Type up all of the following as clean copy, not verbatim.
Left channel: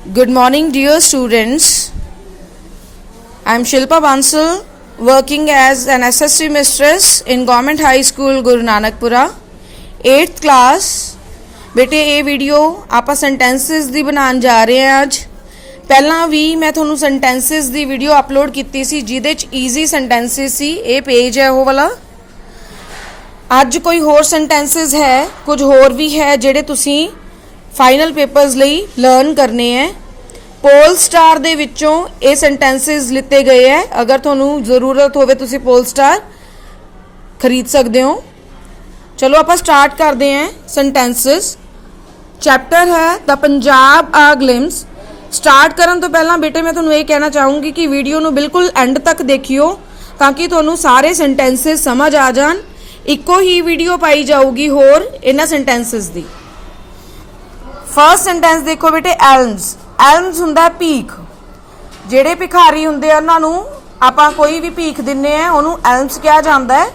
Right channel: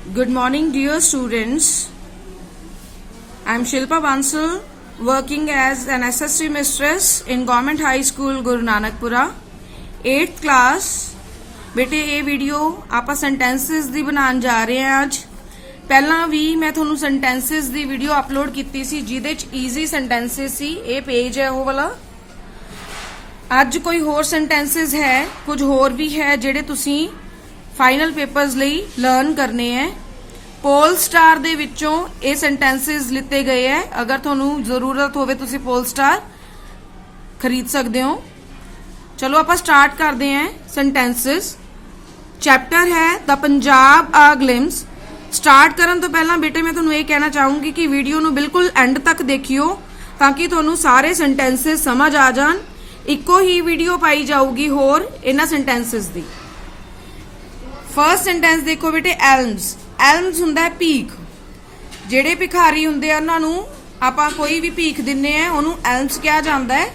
Good morning, dear students. I am Shilpa Bansal, working as an SSC mistress in Government High School, Guru Nanakpura, 8th class. बेटे ये video आप sentences दी बनाने जा रहे हैं आज। पहला भी मैं थोनू सेंटेंसिस दी वीडियो अपलोड की सी जिहदे च ईजी सेंटेंसिस सी। ये पेज है वो वाला। अज कोई होर सेंटेंसिस है, कुछ होर भी है जिहड़े तुसी फाइनल पेपर्स लई लर्न करने हैं। पोल स्टार दे विचों ये सेंटेंसिस लिते गए हैं। अगर तुहानू जरूरत होवे तुसी पोल स्टार खरीद सकते हो। चलो आप स्टार्ट करते हैं सेंटेंसिस। चैप्टर है the Punjab a glimpse. Start करन तो पहला बेटे मैं तुहानू ये कहना चाहूँगी कि वीडियो नू बिल्कुल एंड तक देखियो ताकि तुहानू सारे सेंटेंसिस समझ आ जान। इको ही वीडियो पाई जाऊगी होर इन्हां सेंटेंसिस दी। फर्स्ट सेंटेंस देखो बेटे, एल्म्स। एल्म्स हुंदा है भीख। जिहड़े भिखारी हुंदे उन्हां नू आपां कोई भी भीख दिन्ने आ उहनू एल्म्स कहा जांदा है।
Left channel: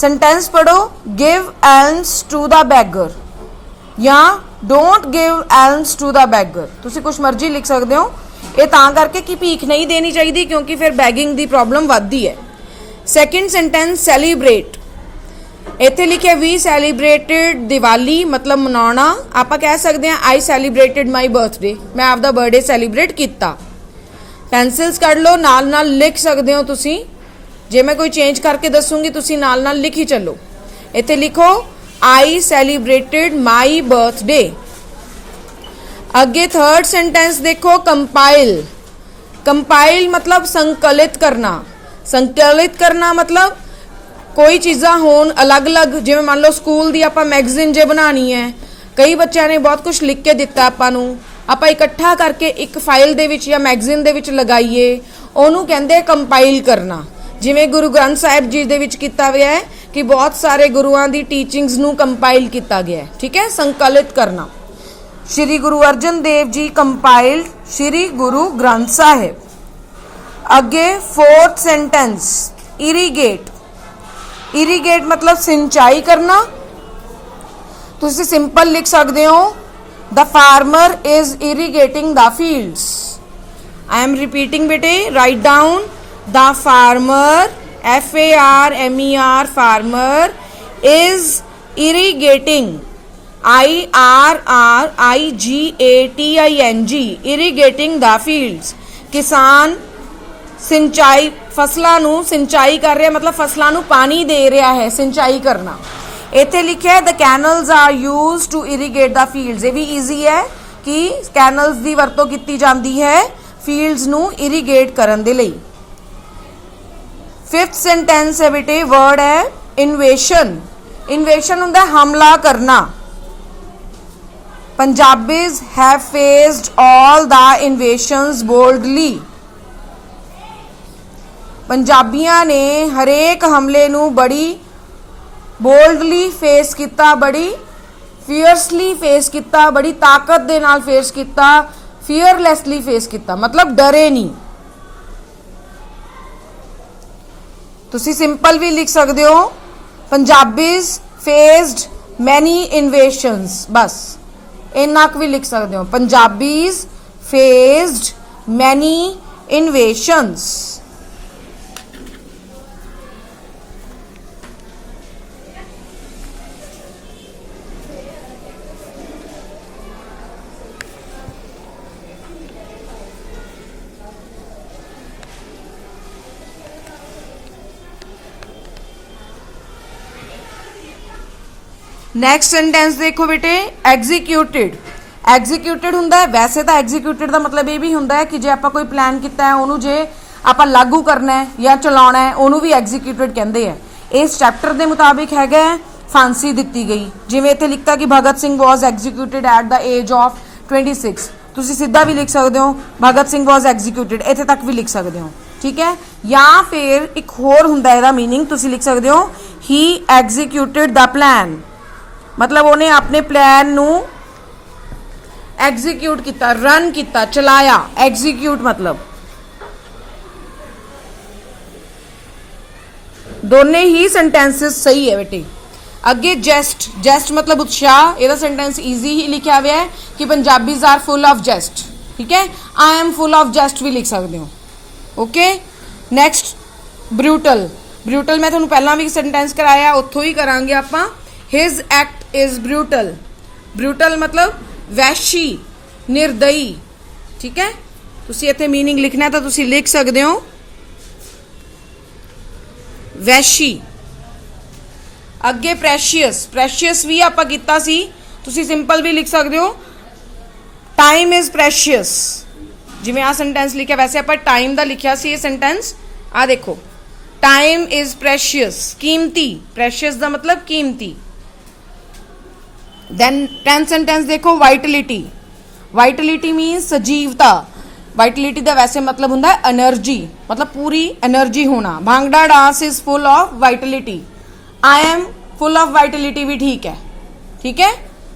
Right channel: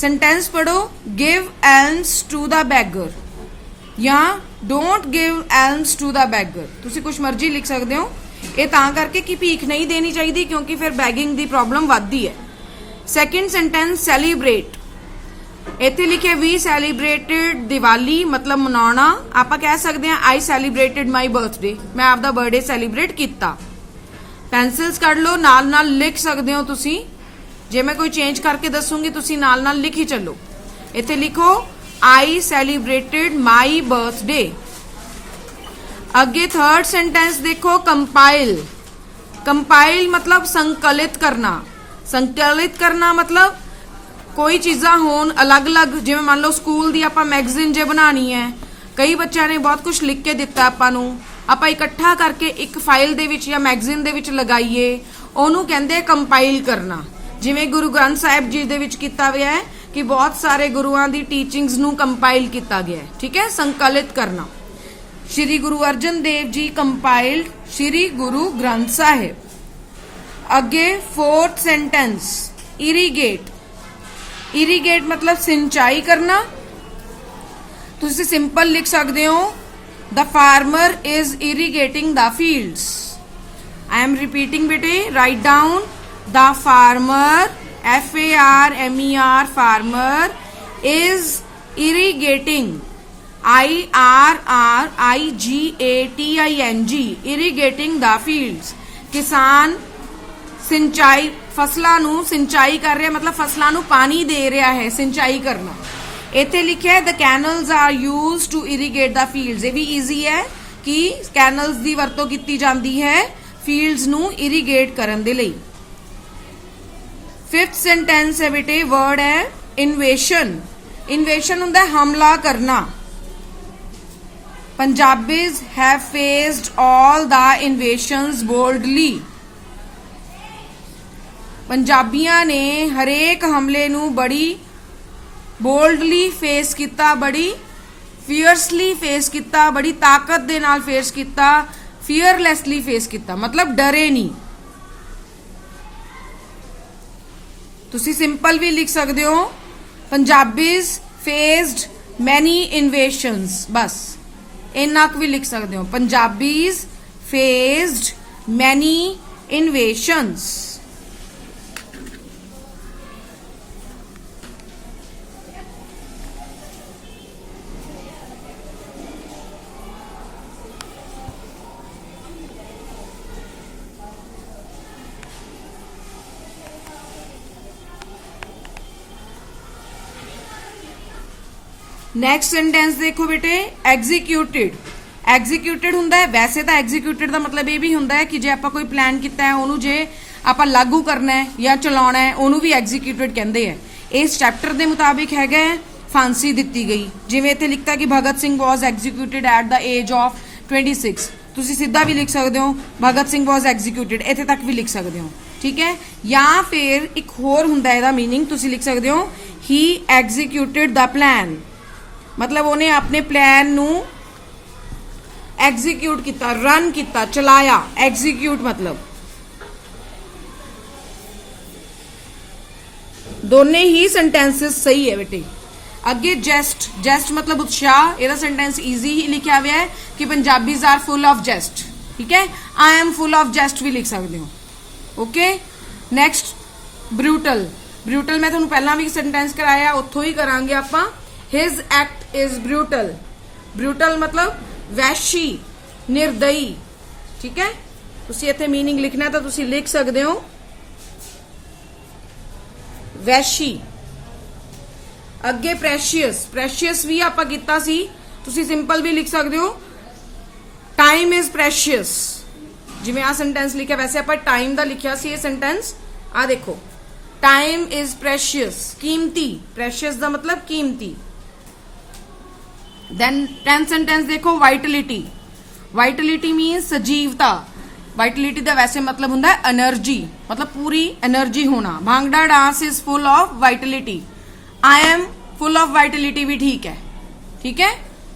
सेंटेंस पढ़ो, give alms to the beggar या don't give alms to the beggar. तुसी कुछ मर्जी लिख सकते हो। ये तां करके कि भीख नहीं देनी चाहिए क्योंकि फिर बैगिंग दी प्रॉब्लम वधदी है। Second sentence, celebrate. इत्थे लिखे वी सैलीब्रेटेड दिवाली, मतलब मनाना। आप कह सकते हैं आई सैलीब्रेटेड माई बर्थडे, मैं आपका बर्थडे सैलीब्रेट किया। पेंसिल्स कढ़ लो, नाल नाल लिख सकते हो तुसी। जे मैं कोई चेंज करके दसूंगी तुसी नाल नाल लिखी चलो। इत्थे लिखो आई सैलीब्रेटेड माई बर्थडे। अगे थर्ड सेंटेंस देखो, कंपाइल। कंपाइल मतलब संकलित करना। संकलित करना मतलब कोई चीज़ा होन अलग अलग, जिवें मान लो स्कूल दी आपां मैगजीन जे बनानी है, कई बच्चों ने बहुत कुछ लिख के दिता आपां नूं, आपां इकट्ठा करके एक फाइल दे विच या मैगजीन दे विच लगाइए, ओनू कहंदे कंपाइल करना। जिवें गुरु ग्रंथ साहिब जी दे विच कीता गया है कि बहुत सारे गुरुआं दी टीचिंग्स नूं कंपाइल किया गया है। ठीक है, संकलित करना। श्री गुरु अर्जन देव जी कंपाइल्ड श्री गुरु ग्रंथ साहिब। अगे फोर्थ सेंटेंस, इरीगेट। इरीगेट मतलब सिंचाई करना। तुसी सिंपल लिख सकते हो, the farmer is irrigating the fields. I am repeating बेटे, write down. The farmer, FARMER, farmer is irrigating, IRRIGATING, irrigating the fields. किसान सिंचाई फसलों नू सिंचाई कर रहा है, मतलब फसलों नू पानी दे रहा है, सिंचाई करना। इत्थे लिखा है the canals are used to irrigate the fields. ये भी ईजी है कि कैनल्स की वरतों की जाती है फील्ड्स नू इरीगेट करन दे लई। फिफ्थ सेंटेंस है बेटे, वर्ड है इन्वेशन। इन्वेशन हुंदा है हमला करना। Punjabis have faced all the invasions boldly. पंजाबियां ने हरेक हमले नू बड़ी बोल्डली फेस किया, बड़ी फियरसली फेस किया, बड़ी ताकत दे नाल फेस किया, फियरलैसली फेस किया, मतलब डरे नहीं। तुसी सिंपल भी लिख सकते हो, पंजाबीज फेस्ड मैनी इन्वेशंस, बस इन्ना भी लिख सकते हो, Punjabis faced many invasions. Next sentence देखो बेटे, एग्जीक्यूटेड। एग्जीक्यूटेड हुंदा है, वैसे तो एग्जीक्यूटेड का मतलब ये भी हुंदा है कि जे आपां कोई प्लान किया है उन्होंने जे आपां लागू करना है या चलाना है उन्होंने भी एग्जीक्यूटेड कहते हैं। इस चैप्टर के मुताबिक है फांसी दी गई। जिवें इत्थे लिखता कि Bhagat Singh was executed at the age of 26। तुसी सीधा भी लिख सकते हो भगत सिंह वॉज एग्जीक्यूटेड, इत्थे तक भी लिख सकते हो। ठीक है, या फिर एक होर हुंदा है मीनिंग, तुसी लिख सकते हो ही एग्जीक्यूटेड द प्लान, मतलब उन्हें अपने प्लान नू एग्जीक्यूट किया, रन किया, चलाया। एग्जीक्यूट मतलब दोने ही सेंटेंसेस सही है बेटे। अगे जेस्ट, जेस्ट मतलब उत्साह, यदा सेंटेंस ईजी ही लिखा हुआ है कि पंजाबीज आर फुल ऑफ जेस्ट। ठीक है। आई एम फुल ऑफ जेस्ट भी लिख सकते हो। Okay, next brutal. ब्रूटल मैं तुहानू पहला भी सेंटेंस कराया, उत्थों ही करांगे आपां। His act is brutal. Brutal मतलब वैशी, निर्दयी। ठीक है, तुसीं इत्थे मीनिंग लिखना तो तुसीं लिख सकते हो वैशी। अगे प्रैशियस। प्रैशियस भी आपां कीता सी, तुसीं सिंपल भी लिख सकते हो टाइम इज प्रैशियस। जिवें आ सेंटेंस लिखा वैसे आपां टाइम दा लिखिया सी ये सेंटेंस। आ देखो, टाइम इज प्रैशियस, कीमती। प्रैशियस दा मतलब कीमती। देन 10th सेंटेंस देखो, वाइटलिटी। वाइटलिटी मीन्स सजीवता। वाइटलिटी का वैसे मतलब होंदा है एनर्जी, मतलब पूरी एनर्जी होना। Bhangra dance is full of Vitality. I am full of Vitality भी ठीक है। ठीक है,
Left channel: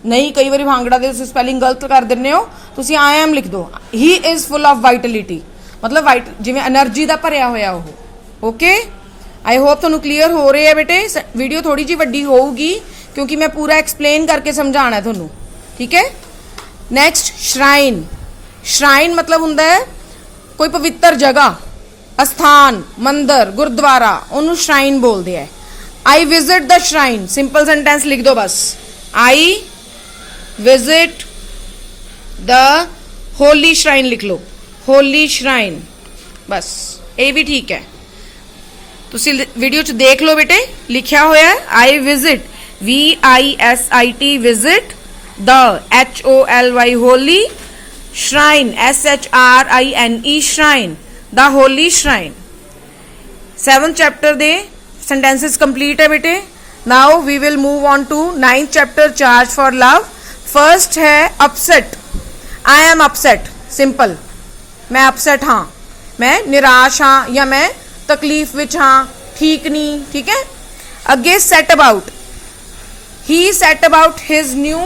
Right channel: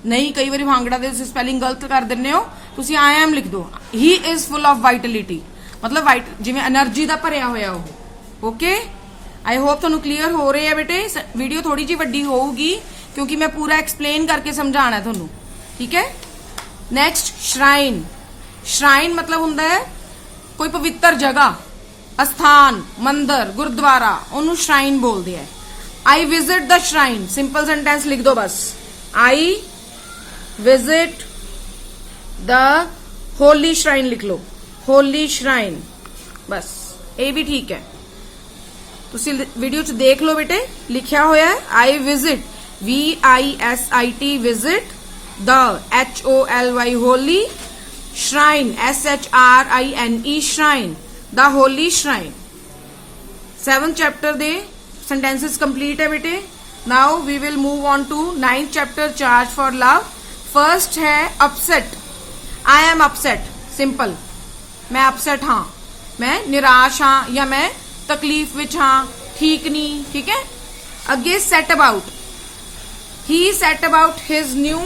नहीं कई बार भांगड़ा दे स्पैलिंग गलत कर दिंदे हो, तुसीं आई एम लिख दो। ही इज फुल ऑफ वाइटलिटी मतलब वाइट जिवें एनर्जी का भरिया होया हो। ओके, आई होप तुहानू क्लीयर हो रही है बेटे। वीडियो थोड़ी जी वड्डी होगी क्योंकि मैं पूरा एक्सप्लेन करके समझाना है तुहानू। ठीक है, नैक्सट श्राइन। श्राइन मतलब हुंदा है कोई पवित्र जगह, अस्थान, मंदिर, गुरुद्वारा, उन्होंने श्राइन बोलते हैं। I visit the shrine. Simple sentence लिख दो बस, I visit the holy shrine लिख लो, होली श्राइन, बस ये भी ठीक है। तुसी वीडियो च देख लो बेटे, लिखा होया है I visit, VISIT visit the HOLY holy shrine, SHRINE shrine, the holy shrine. 7th chapter दे सेंटेंसेस कंप्लीट है बेटे। Now we will move on to 9th chapter, charge for love. First है upset. I am upset, simple, मैं upset हाँ, मैं निराश हाँ या मैं तकलीफ विच हाँ, ठीक नहीं। ठीक है, अगे set about. He set about his new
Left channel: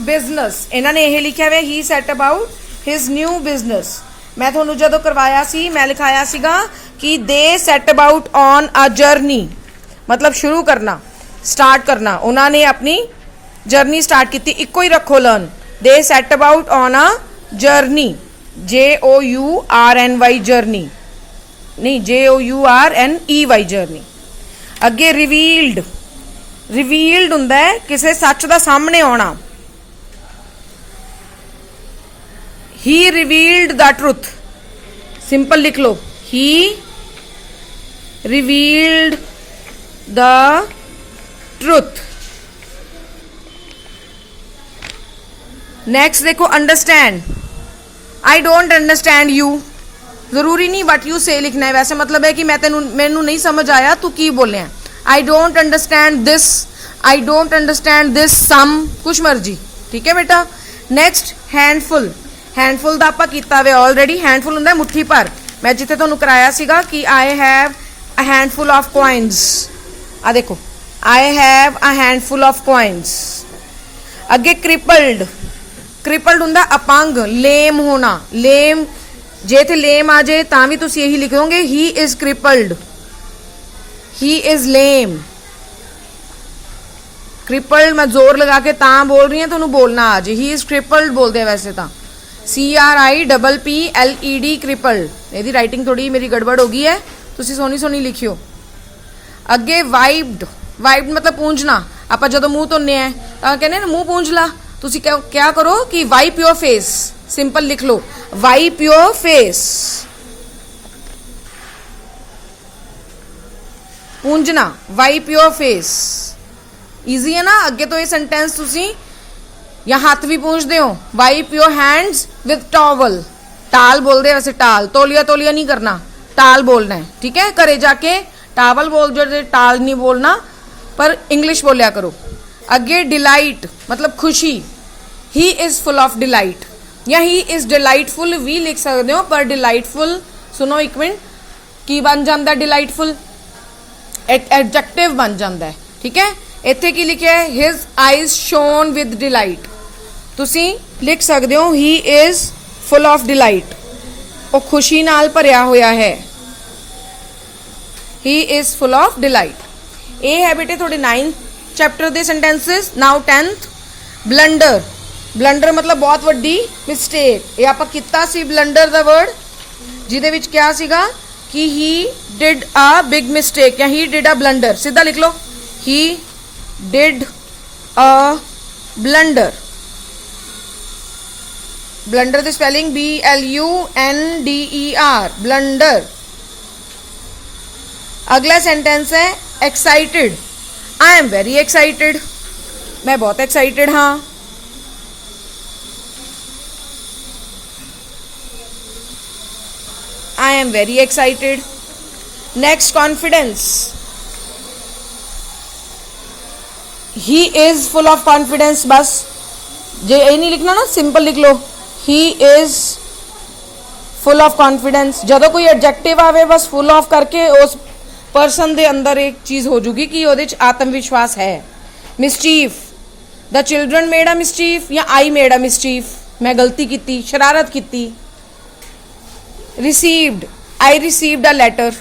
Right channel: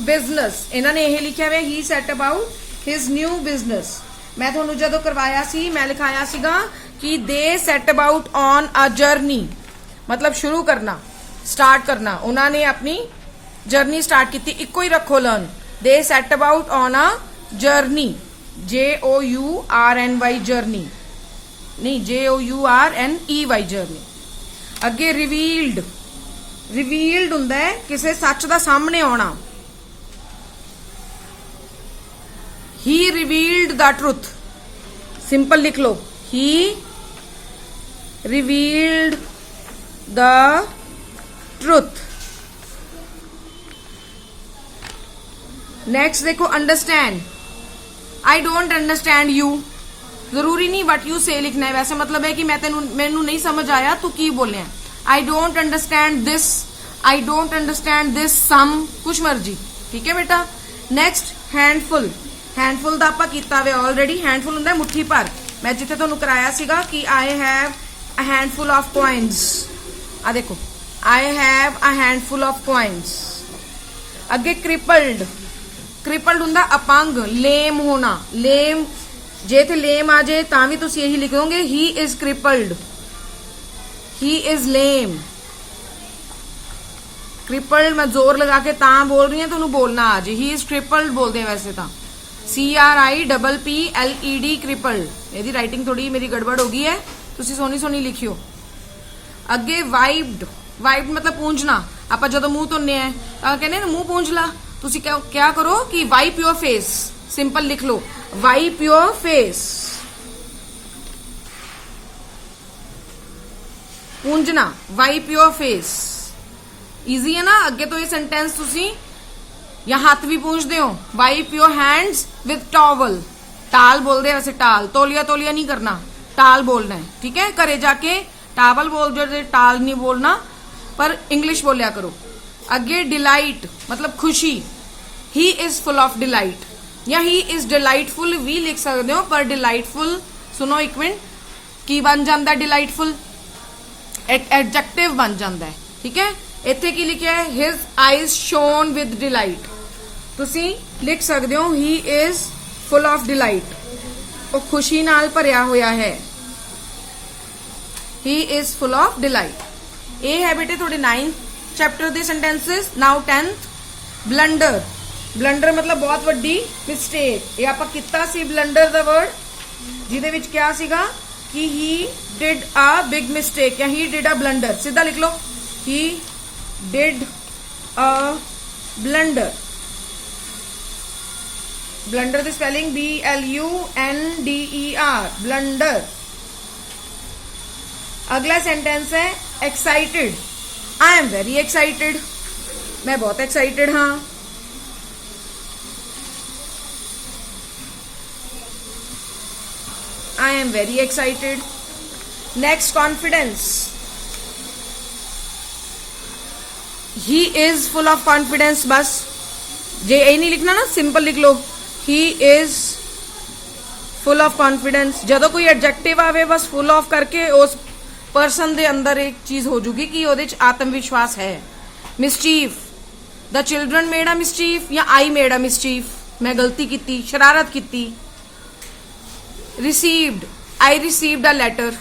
business. इन्होंने यह लिखा हुआ he set about his new business. मैं थोनू जदों करवाया सी मैं लिखाया सीगा कि they set about on a journey, मतलब शुरू करना, स्टार्ट करना। उन्होंने अपनी जर्नी स्टार्ट की थी। इको ही रखो learn. They set about on a journey, JOURNY journey, नहीं JOURNEY जर्नी। अगे रिवील्ड। रिवील्ड हुंदा है किसी सच का सामने आना। ही रिवील्ड द ट्रुथ, सिंपल लिख लो, ही रिवील्ड द ट्रुथ। नेक्स्ट देखो understand. I don't understand you, जरूरी नहीं वट यू से लिखना है, वैसे मतलब है कि मैनू नहीं समझ आया तू की बोलिया। I don't understand this, I don't understand this some, कुछ मर्जी। ठीक है बेटा। Next handful. हैंडफुल का आपां कीता वे ऑलरेडी। हैंडफुल हुंदा मुट्ठी भर। मैं जिथे तुहानू कराया सीगा कि I have a handful of coins. आ देखो, I have a handful of coins. अगे क्रिपल्ड। क्रिपल्ड हुंदा अपंग, लेम होना। लेम जे इत्थे लेम आ जाए तां भी तुसीं यही लिखोगे he is crippled, he is lame. Crippled मैं जोर लगा के तां बोल रही हूं तुहानू बोलना आज, ही इज क्रिपल्ड बोलते हैं वैसे तो, CRIPPLED क्रिपल्ड। यदि राइटिंग थोड़ी मेरी गड़बड़ हो गई है, तुसीं सोहनी सोहनी लिखियो। अगे वाइप्ड। वाइप्ड मतलब पूंझना। आपां जदों मूँह धोने हैं तां कहने ना मूँह पूंझ ला, तुसीं क्या करो कि वाइप योर फेस, सिंपल लिख लो वाइप योर फेस। पूंझना, वाइप योर फेस, इजी है ना। अगे तो ये सेंटेंस तुसीं या हाथ भी पूंझते हो, wipe your hands with towel. टाल बोलते हैं वैसे, टाल, तौलिया तौलिया नहीं करना, टाल बोलना है। ठीक है, घरे जाके टावल बोल जो, टाल नहीं बोलना, पर इंग्लिश बोलिया करो। अगे डिलाइट मतलब खुशी। ही इज फुल ऑफ डिलाइट या ही इज डिलाइटफुल भी लिख सकते हो, पर डिलाइटफुल सुनो एक मिनट की बन जाता, डिलाइटफुल एडजेक्टिव बन जाता है। ठीक है, इत्थे की लिखा है his eyes shone with delight. तुसी लिख सकते हो he is full of delight, वो खुशी नाल भरिया होया है। He is full of delight. ये है बेटे थोड़े 9th चैप्टर दे sentences. Now 10th blunder. Blunder ਮਤਲਬ ਬਹੁਤ ਵੱਡੀ ਮਿਸਟੇਕ। ਇਹ ਆਪਾਂ ਕੀਤਾ ਸੀ ਬਲੰਡਰ ਦਾ ਵਰਡ, ਜਿਹਦੇ ਵਿੱਚ ਕਿਹਾ ਸੀਗਾ ਕਿ he did a big mistake ਜਾਂ ਹੀ ਡਿਡ ਅ ਬਲੰਡਰ। ਸਿੱਧਾ ਲਿਖ ਲਓ, he did a blunder. Blunder ਦੀ ਸਪੈਲਿੰਗ BLUNDER, ਬਲੰਡਰ। अगला सेंटेंस है excited. I am very excited, मैं बहुत एक्साइटेड हाँ। I am very excited. Next, confidence. He is full of confidence. बस जे ये नहीं लिखना ना, सिंपल लिख लो, he is full of confidence. जदों कोई एडजेक्टिव आवे बस फुल ऑफ करके उस पर्सन दे अंदर एक चीज हो जूगी कि ओदे च आत्मविश्वास है। Mischief, the children made a mischief या आई मेड अ मिसचीफ, मैं गलती की, शरारत की। Received, I received a letter,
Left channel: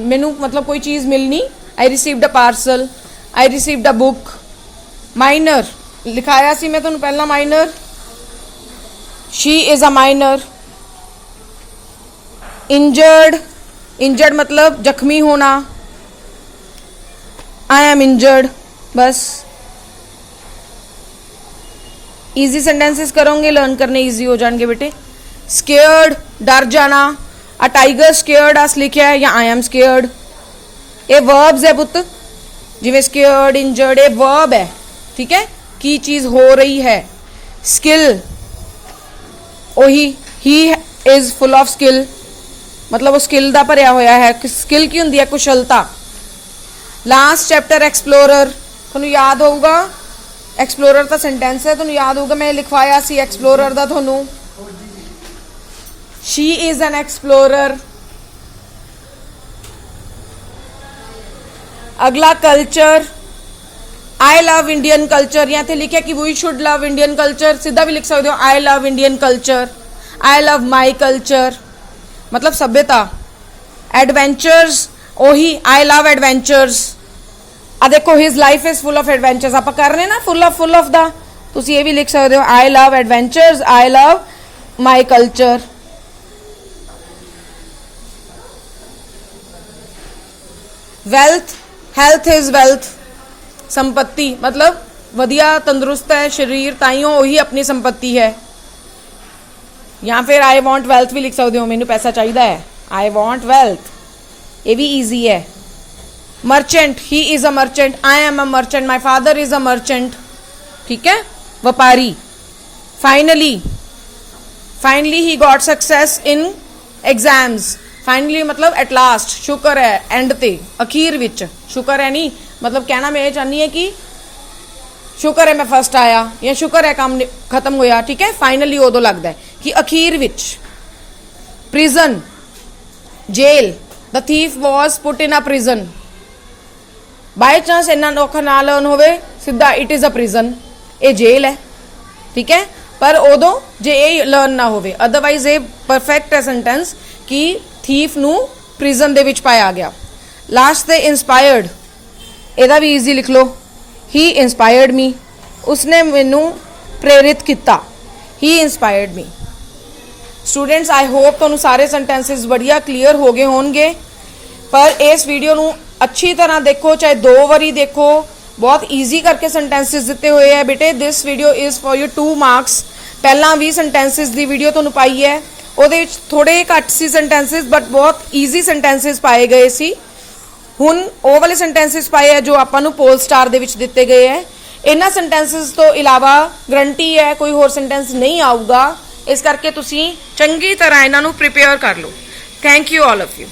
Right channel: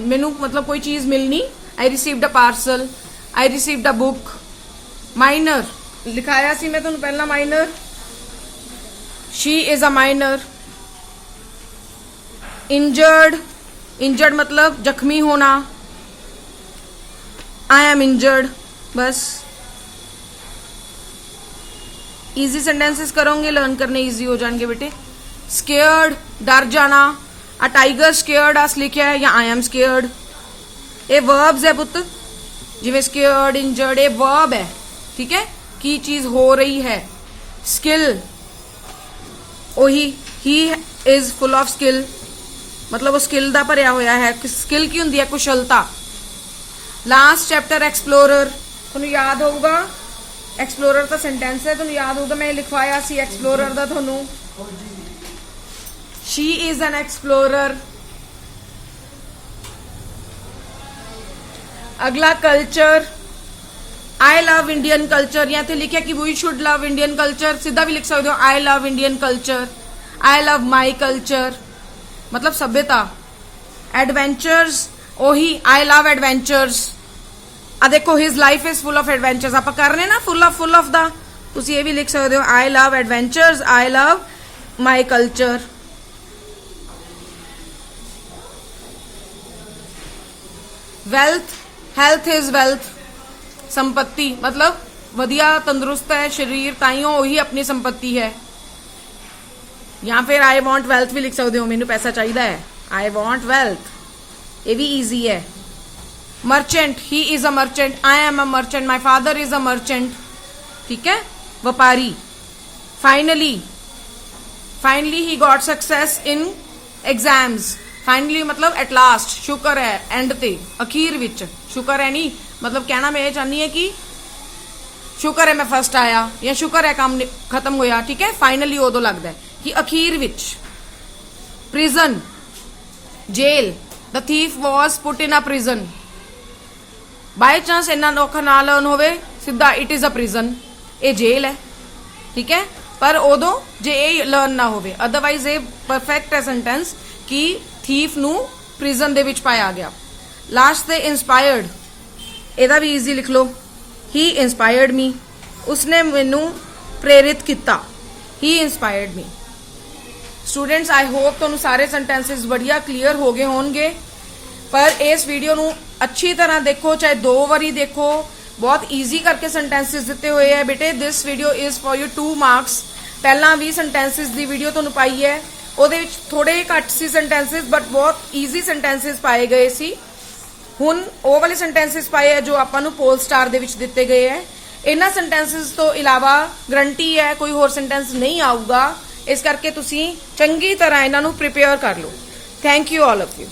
मैनू मतलब कोई चीज मिलनी, I received a parcel, I received a book. Minor, लिखाया सी मैं तुहानू पहला minor, she is a minor. Injured, injured मतलब जख्मी होना, आई एम इंजर्ड। बस इजी सेंटेंसेस करोगे, लर्न करने इजी हो जाएंगे बेटे। स्केयर्ड, डर जाना, अ टाइगर स्केयर्ड अस लिखा है या आई एम स्केयर्ड। ये वर्ब्स है पुत, जिवें स्केयर्ड, इंजर्ड, ये वर्ब है, ठीक है, की चीज हो रही है। स्किल, ओही, ही इज फुल ऑफ स्किल, मतलब वो स्किल दा भरिया होया है। स्किल की हुंदी है कुशलता। लास्ट चैप्टर एक्सप्लोरर, तुहानू याद होगा, एक्सप्लोरर का सेंटेंस है, तुहानू याद होगा मैं लिखवाया सी एक्सप्लोरर दा तुहानू। She is an explorer. अगला culture, I love Indian culture, या लिखा कि we should love Indian culture, सीधा भी लिख सकते हो I love Indian culture, I love my culture, मतलब सभ्यता। एडवेंचर्स, ओही आई लव एडवेंचर्स। आ देखो his life is full of adventures, आप कर रहे ना फुल ऑफ दा, तुसी ये भी लिख सकते हो I love adventures, I love my culture. Wealth, health is wealth, संपत्ति मतलब वधिया तंदुरुस्त है शरीर, ताइयों वही अपनी संपत्ति है। या फिर आई वॉन्ट वेल्थ भी लिख सकते हो, मैनू पैसा चाहिए है, आई वॉन्ट वेल्थ, ये भी ईजी है। Merchant, he is a merchant, I am a merchant, my father is a merchant, ठीक है, व्यापारी। Finally, finally he got success in exams. Finally मतलब एट लास्ट, शुक्र है, एंड ते, अखीर विच, शुक्र है नहीं मतलब कहना मैं ये चाहनी है कि शुक्र है मैं फर्स्ट आया या शुक्र है काम खत्म होया, ठीक है। फाइनली उदों लगता है कि अखीर विच। Prison, jail, the thief was put in a prison. By chance इन्ना औखा ना लर्न होवे, सीधा इट इज अ प्रिजन, ये जेल है, ठीक है। पर उदों जे ये लर्न ना होवे, अदरवाइज ये परफेक्ट है सेंटेंस कि थीफ नू प्रिजन दे विच पाया गया। लास्ट ते इंस्पायर्ड, एदा भी ईजी लिख लो, ही इंस्पायर्ड मी, उसने मैनू प्रेरित किया, ही inspired me. Students I hope तुहानू सारे सेंटेंसेस बढ़िया क्लीयर हो गए होंगे, पर इस वीडियो नू अच्छी तरह देखो, चाहे 2 बारी देखो, बहुत ईजी करके सेंटेंसेस दिते हुए है बेटे। This video is for you 2 marks. पहला भी सेंटेंसेस की वीडियो तुहानू पाई है, ਉਹਦੇ ਵਿੱਚ थोड़े घट सी सेंटेंसेस बट बहुत ईजी सेंटेंसेस पाए गए सी। हुण ਉਹ वाले सेंटेंसेस पाए है जो ਆਪਾਂ ਨੂੰ पोल स्टार ਦੇ ਵਿੱਚ ਦਿੱਤੇ ਗਏ ਹੈ। ਇਹਨਾਂ सेंटेंसेस ਤੋਂ ਇਲਾਵਾ ਗਰੰਟੀ ਹੈ ਕੋਈ ਹੋਰ सेंटेंस नहीं ਆਊਗਾ, ਇਸ ਕਰਕੇ ਤੁਸੀਂ ਚੰਗੀ ਤਰ੍ਹਾਂ ਇਹਨਾਂ ਨੂੰ ਪ੍ਰਿਪੇਅਰ ਕਰ ਲਓ। Thank you all of you.